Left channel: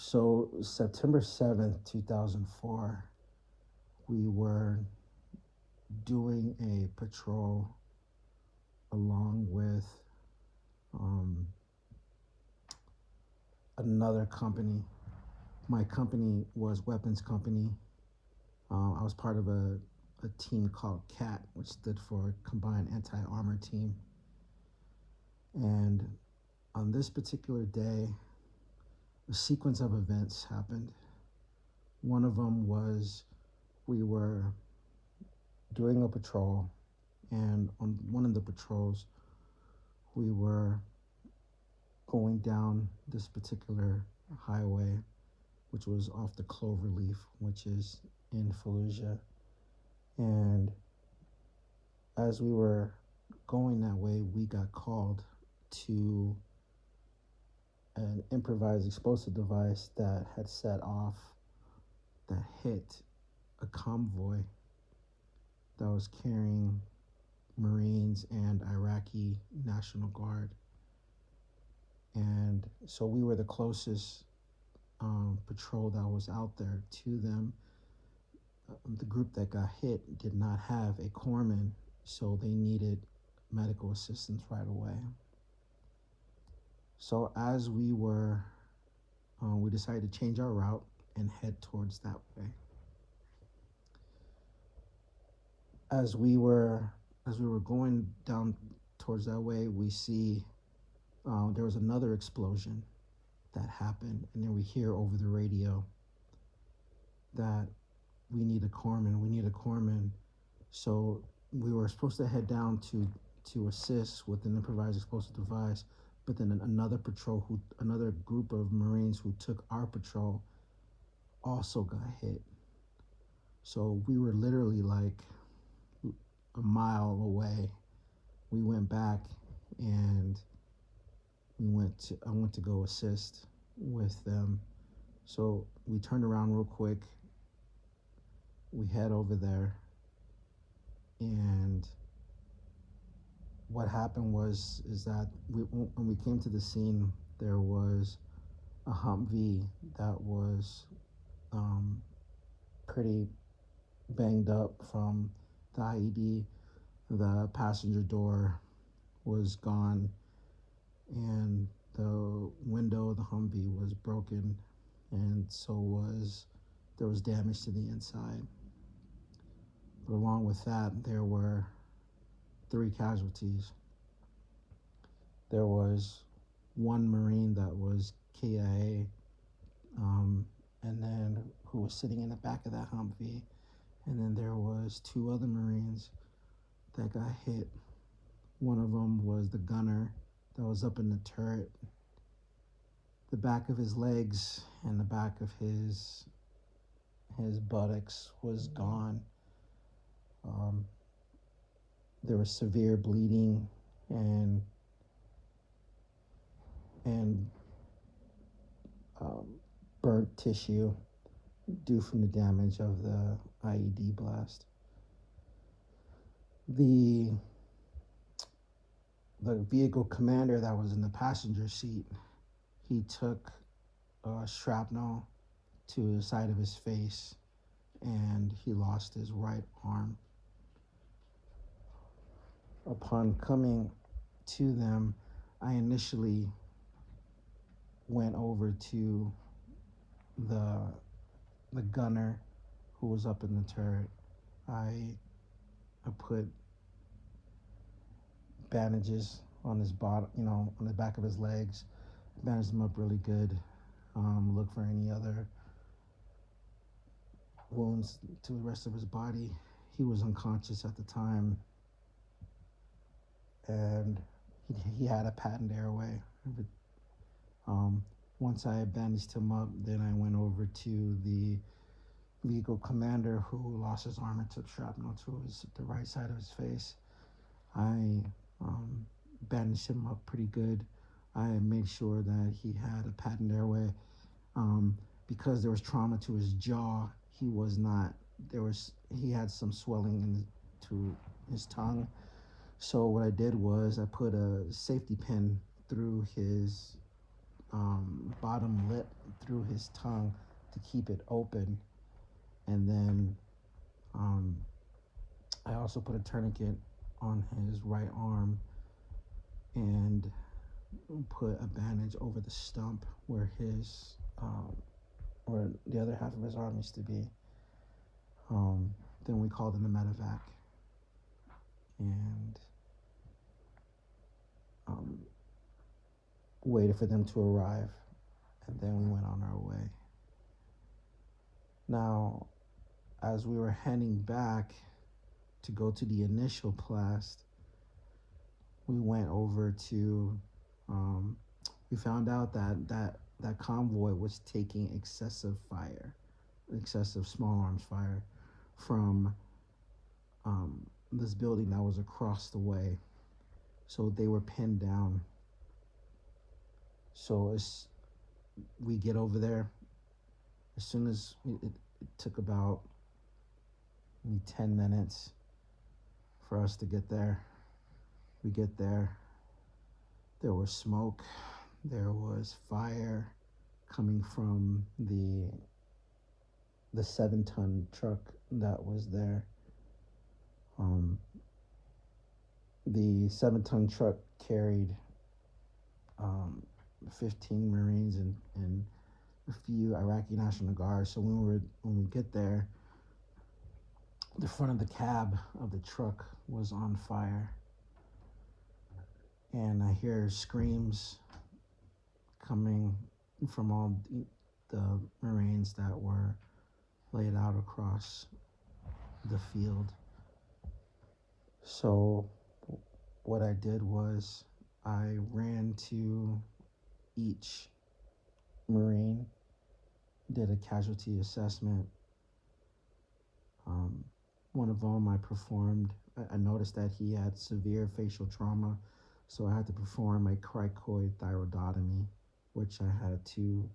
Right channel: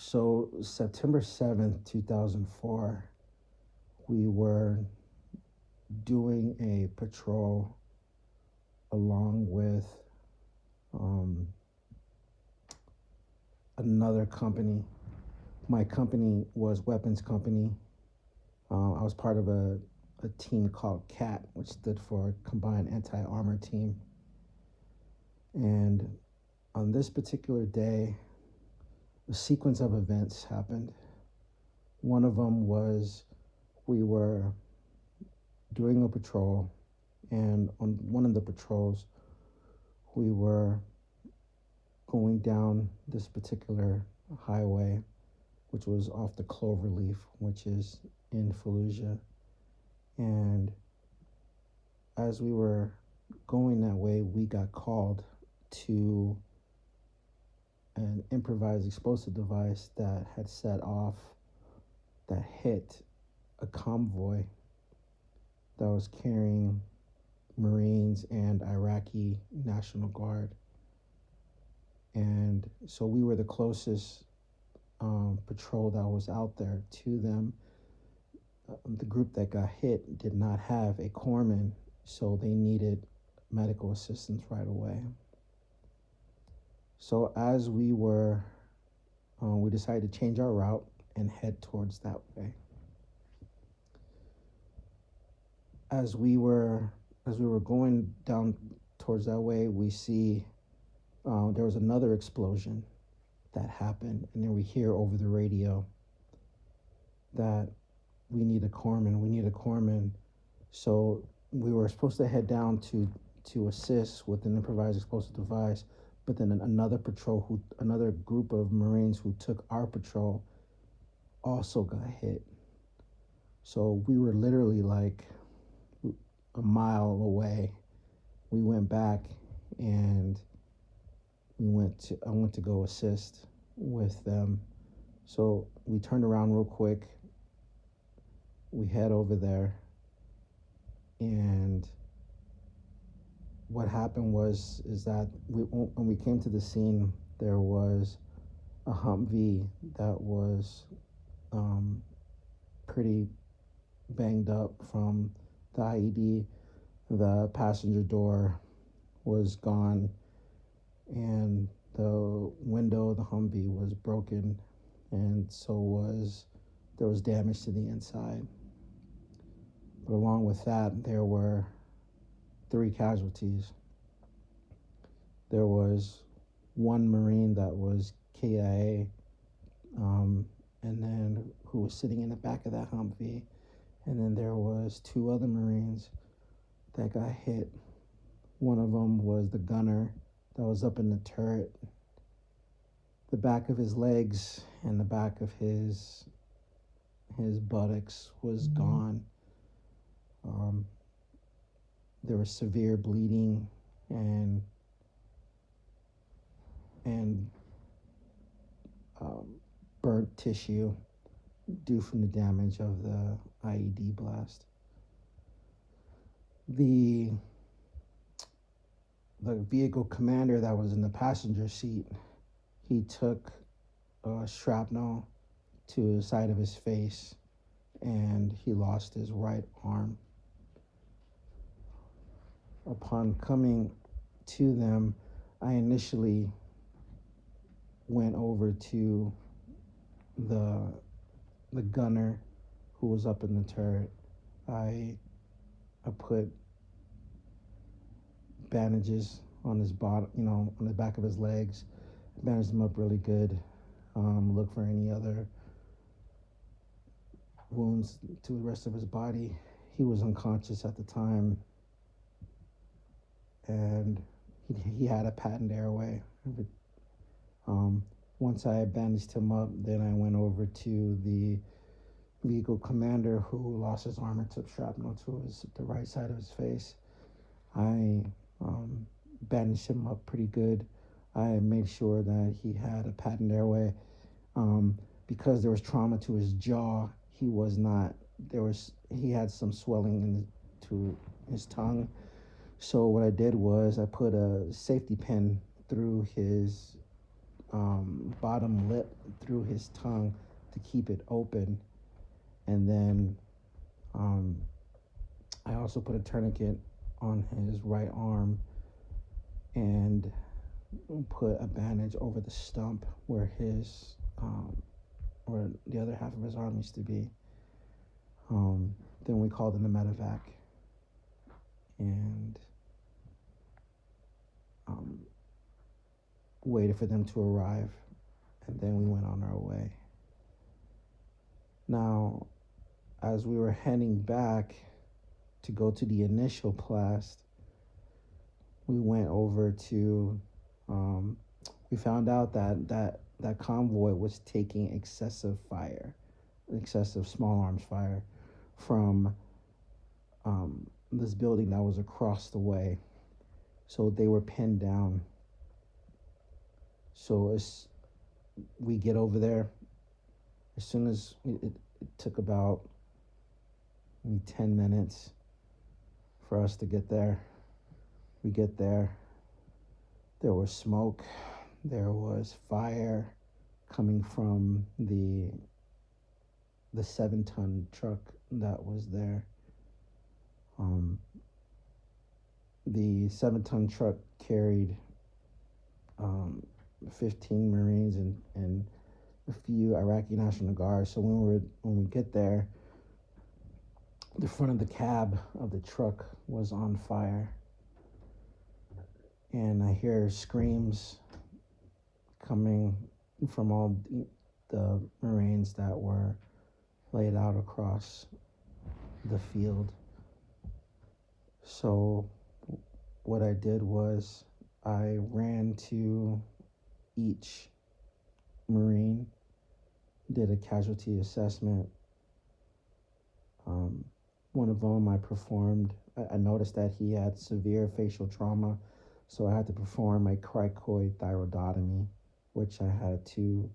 So September 7th, 2004, we were doing a patrol along with um, another company. My company was weapons company. I was part of a team called CAT, which stood for Combined Anti-Armor Team. And on this particular day, a sequence of events happened. One of them was we were doing a patrol, and on one of the patrols, we were going down this particular highway, which was off the Cloverleaf, which is in Fallujah. And as we were going that way, we got called to an improvised explosive device that had set off, that hit a convoy that was carrying Marines and Iraqi National Guard. And so we were the closest patrol that was out there to them. The group that got hit did not have a corpsman, so they needed medical assistance right away. So as we decided to change our route and head towards that way. As we were going down towards that way, we see there was another explosion that happened, and then we hear over the radio that we need a corpsman. So we were supposed to head down to assist with an improvised explosive device, but then another group of Marines who took our patrol also got hit. So we were literally like a mile away. We went back and I went to go assist with them. So we turned around real quick. We head over there, and what happened is that when we came to the scene, there was a Humvee that was pretty banged up from the IED. The passenger door was gone, and the window of the Humvee was broken, and there was damage to the inside. But along with that, there were 3 casualties. There was one Marine that was KIA, and then who was sitting in the back of that Humvee, and then there was 2 other Marines that got hit. One of them was the gunner that was up in the turret. The back of his legs and the back of his buttocks was gone. There was severe bleeding and burnt tissue due from the damage of the IED blast. The vehicle commander that was in the passenger seat, he took shrapnel to the side of his face, and he lost his right arm. Upon coming to them, I initially went over to the gunner who was up in the turret. I put bandages on his body, on the back of his legs, bandaged him up really good. Look for any other wounds to the rest of his body. He was unconscious at the time, and he had a patent airway. Once I bandaged him up, then I went over to the vehicle commander who lost his arm and took shrapnel to the right side of his face. I bandaged him up pretty good. I made sure that he had a patent airway. Because there was trauma to his jaw, he had some swelling to his tongue. So what I did was I put a safety pin through his bottom lip through his tongue to keep it open. And then I also put a tourniquet on his right arm and put a bandage over the stump where where the other half of his arm used to be. Then we called in a medevac and waited for them to arrive, and then we went on our way. Now, as we were heading back to go to the initial blast, we went over to, we found out that convoy was taking excessive small arms fire from this building that was across the way. So they were pinned down. So as we get over there, as soon as it took about maybe 10 minutes for us to get there. We get there. There was smoke. There was fire coming from the 7-ton truck that was there. The 7-ton truck carried 15 Marines and a few Iraqi National Guard. So when we get there, the front of the cab of the truck was on fire, and I hear screams coming from all the Marines that were laid out across the field. So what I did was I ran to each Marine, did a casualty assessment. One of them I performed, I noticed that he had severe facial trauma, so I had to perform a cricoid thyroidotomy, which I had to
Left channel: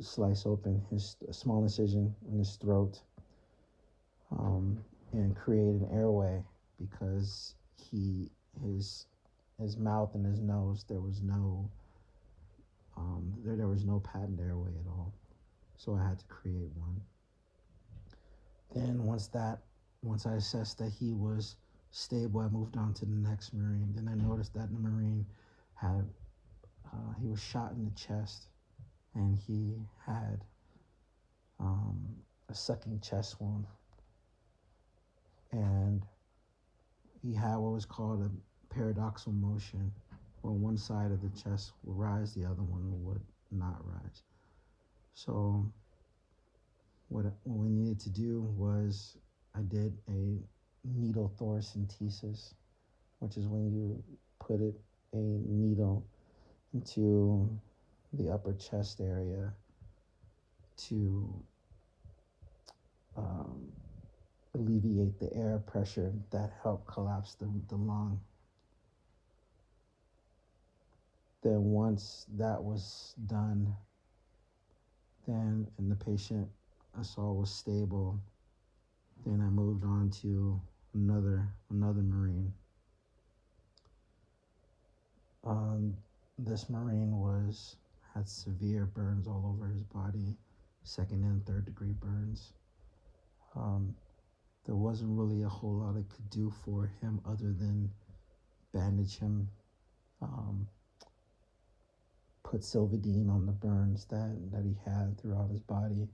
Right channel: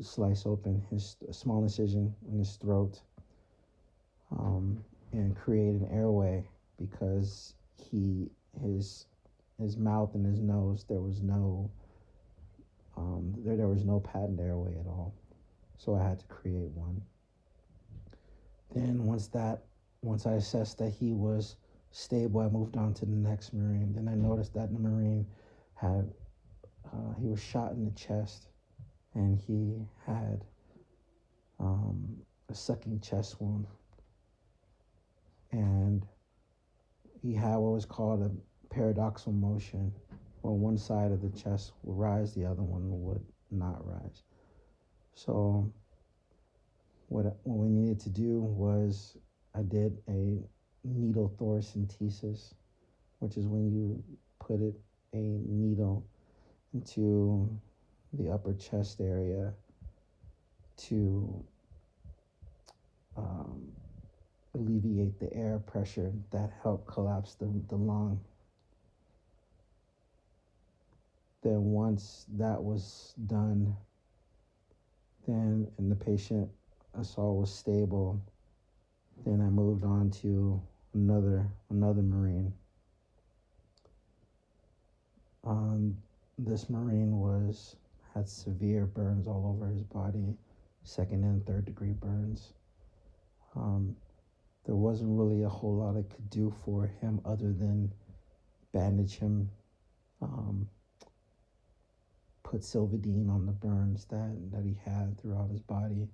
slice open a small incision in his throat and create an airway, because his mouth and his nose, there was no patent airway at all, so I had to create one. Then once I assessed that he was stable, I moved on to the next Marine. Then I noticed that the Marine he was shot in the chest, and he had a sucking chest wound, and he had what was called a paradoxal motion, where one side of the chest would rise, the other one would not rise. So what we needed to do was I did a needle thoracentesis, which is when you put a needle into the upper chest area to alleviate the air pressure that helped collapse the lung. Then once that was done, and the patient I saw was stable, then I moved on to another Marine. This Marine had severe burns all over his body, 2nd and 3rd degree burns. There wasn't really a whole lot I could do for him other than bandage him, put Silvadene on the burns that he had throughout his body.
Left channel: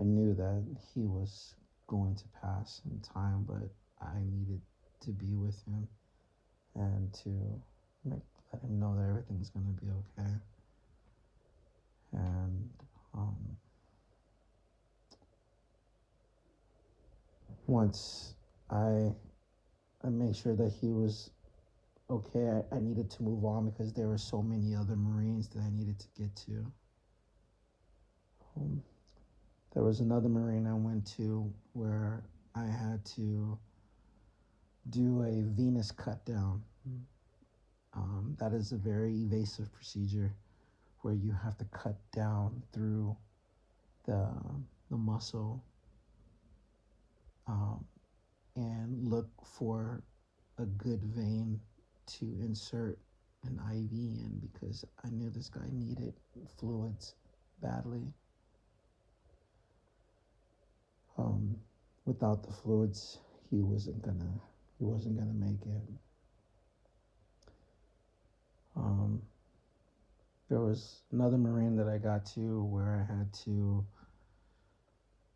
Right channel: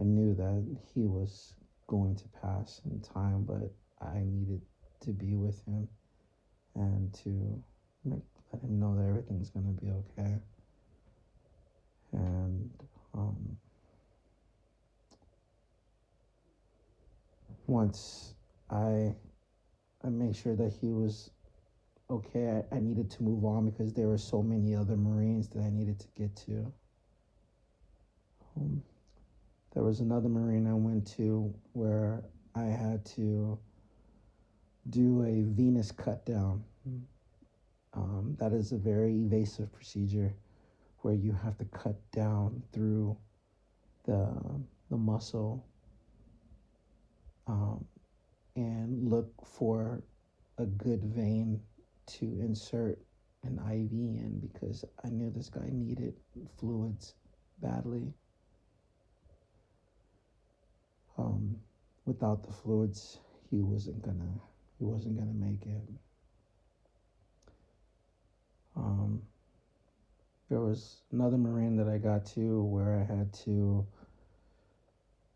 I knew that he was going to pass in time, but I needed to be with him and to let him know that everything's going to be okay. And once I made sure that he was okay, I needed to move on because there were so many other Marines that I needed to get to. There was another Marine I went to where I had to do a venous cut down. That is a very invasive procedure where you have to cut down through the muscle and look for a good vein to insert an IV in because I knew this guy needed fluids badly. Um, Without the fluids, he wasn't gonna he wasn't gonna make it. Um, there was another Marine that I got to where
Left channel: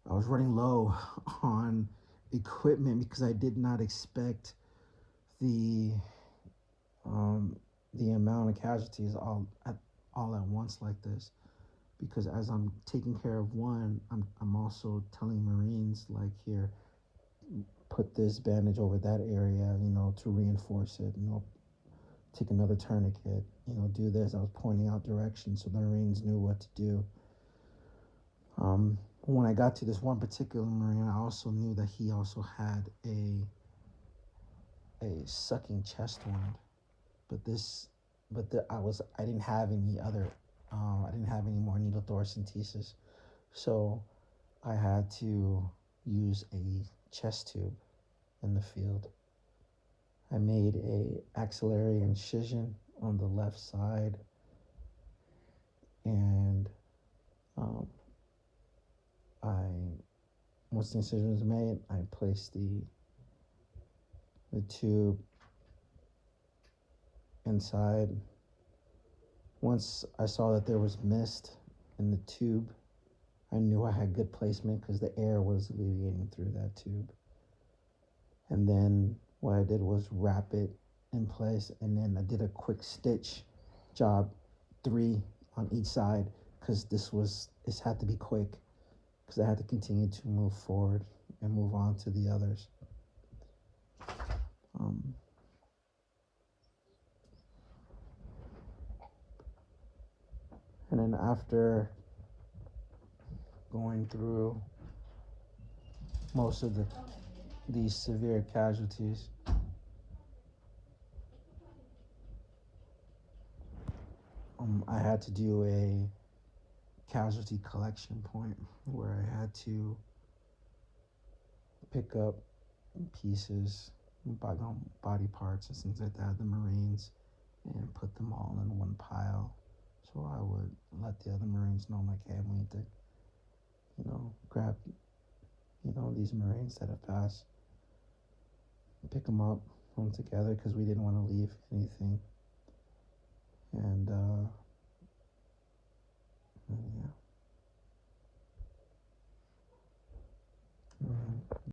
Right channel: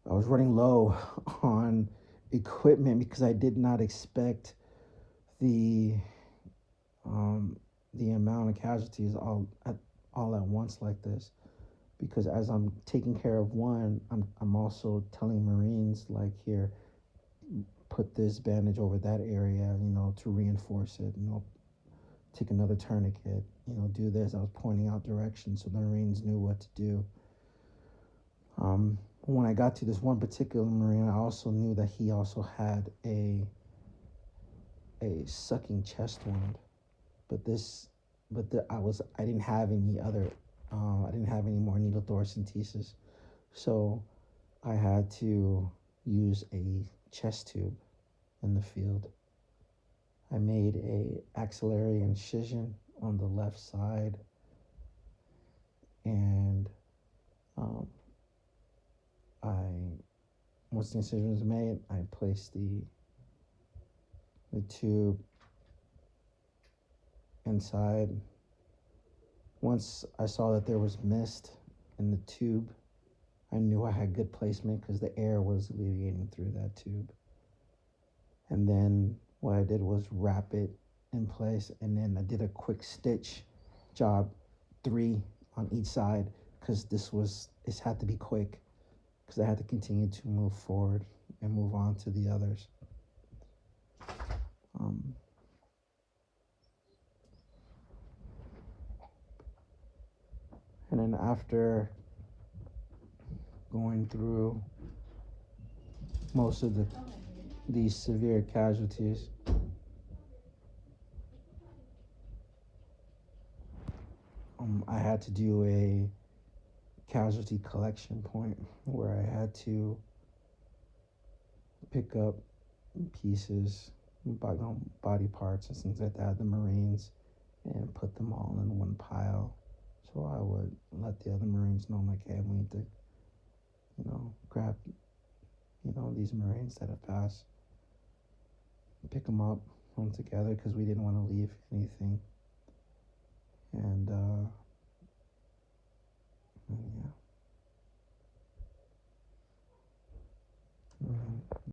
I was running low on equipment because I did not expect the um, the amount of casualties all at once like this. Because as I'm taking care of one, I'm also telling Marines like, here, put this bandage over that area, to reinforce it. Take another tourniquet. Do this. I was pointing out directions so the Marines knew what to do. When I got to this one particular Marine, I also knew that he also had a sucking chest wound, but I didn't have any other, I didn't have any more needle thoracentesis, so I had to use a chest tube in the field. I made a axillary incision on the left side, and um, I once the incision was made, I placed the tube inside. Once I saw that there was mist in the tube, I knew I had good placement because the air was alleviating through that tube. And then what I did was wrap it in place, and then I did a quick stitch job, 3 on each side, because this had to be quick because I had to continue to move forward and move on to the others. Um, and then after going through most of these severe casualties, I had to do a casualty collection point where I had to pick up pieces, body parts and things like that, the Marines, and put them all in one pile. So I would let the other Marines know, like, hey, we need to, grab, these Marines that have passed, pick them up, put them together because we didn't want to leave anything. And